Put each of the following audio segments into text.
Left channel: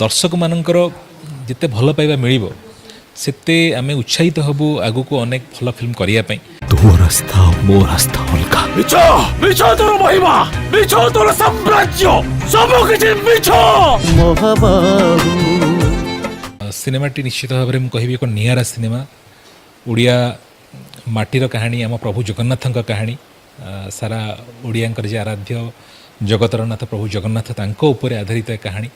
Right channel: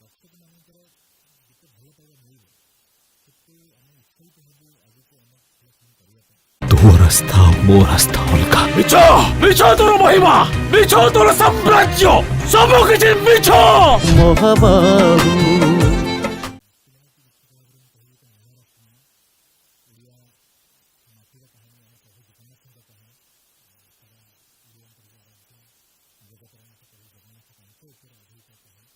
दर्शक मानकर जिते भल पाइबा मिलिबो सेते आमे उत्साहित हबु आगु को अनेक भल फिल्म करिया पई। तो रास्ता मो रास्ता अलगा मिछो मिछो तोर महिमा मिछो तोर साम्राज्य सब किछि मिछो महाबाबू। सिनेमाटी निश्चित भाव में कहबी एक नियारा सिनेमा ओडिया माटीर कहानी आम प्रभु जगन्नाथ कहानी सारा ओडिया जे आराध्य जगतरनाथ प्रभु जगन्नाथ तांको ऊपर आधारित एक कहानी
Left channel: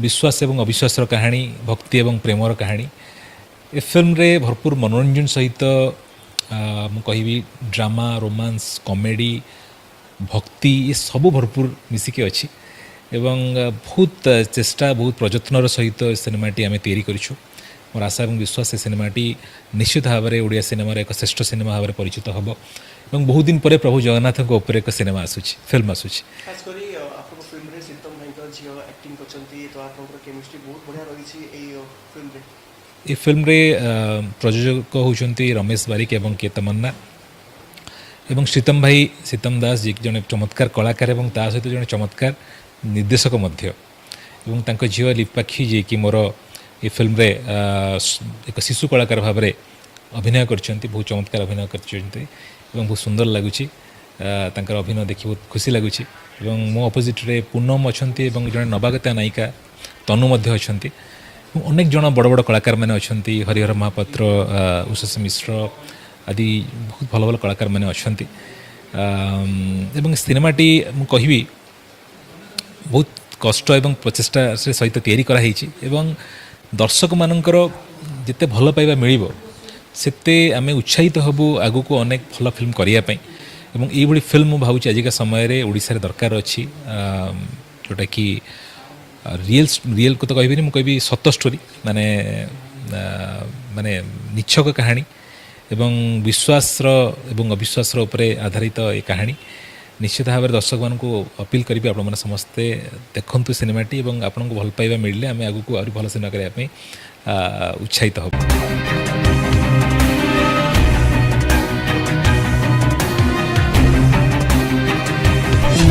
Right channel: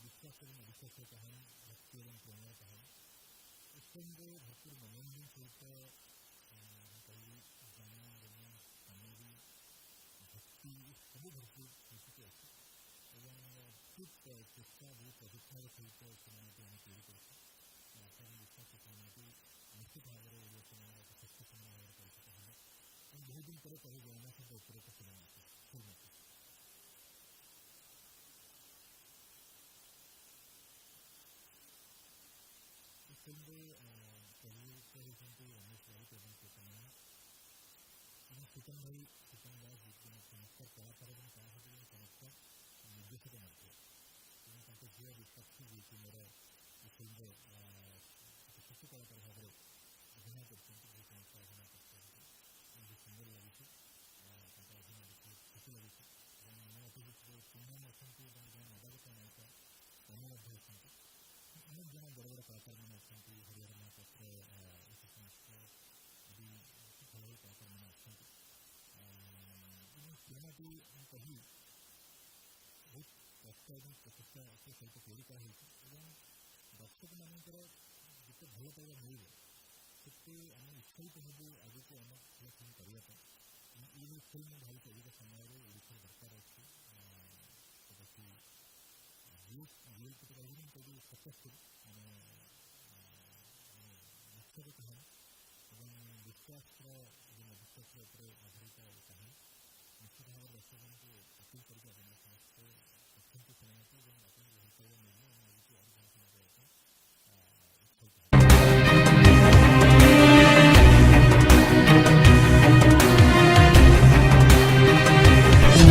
विश्वास एवं अविश्वास कहानी भक्ति एवं प्रेमर कहानी ए फिल्म रे भरपूर मनोरंजन सहित मु कहबी ड्रामा रोमांस कॉमेडी भक्ति ये सब भरपूर मिसिके अच्छी एवं बहुत चेष्टा बहुत प्रयत्नर सहित सिनेमाटी आम तैयारी करूँ। मोर आशा और विश्वास से सिनेमाटी निश्चित भाव में ओडिया सिनेमार एक श्रेष्ठ सिनेमा भाव में परिचित हम और बहुत दिन पर प्रभु जगन्नाथ उपर एक सिनेमा आसूची फिल्म आसूची। ये फिल्म रे प्रयोजक होती रमेश बारिक एवं के तमन्ना एवं श्रीतम भाई सीतम दास जी जड़े चमत्कार कलाकार एवं ता सहित जड़े चमत्कार निर्देशक मध्य एवं तांको झील लिपाक्षी जी कि मोर ये फिल्म रे एक शिशु कलाकार भाव में अभिनय करछंती बहुत चमत्कार अभिनय करछंती एवं बहुत सुंदर लगुची तांकर अभिनय देखि बहुत खुशी लगुची एवं मो अपोजिट रे पूनम अछंती एवं जड़े नवागता नायिका तनु मध्य अछंती अनेक जन बड़ बड़ कलाकार मैंने अछंती हरिहर महापात्र उषस मिश्र आदि बहुत भल भल कलाकार मैंने अछंती एवं सिनेमाटी मु कहबी बहुत कष्ट एवं प्रचेष्टा सहित तैयारी कराई एवं दर्शक मानकर जिते भल पाइबा मिलिबो सेते आमे उत्साहित हबु आगु को अनेक भल फिल्म करिया पई एवं एई बडी फिल्म भावुची आजिका समय रे ओडिसा रे दरकार अछि जोटा कि रियल को तो कहबी मु कहबी सत स्टोरी माने माने निछक कहानी एवं विश्वास एवं अविश्वास उपरे आधारित ये कहानी निश्चित भाव में दर्शक मान अपील करी आप समस्ते देखु सिनेमाटी और आपन को भल पाइबा मिलले आम आगू को भल सिनेमा करने उत्साहित हो।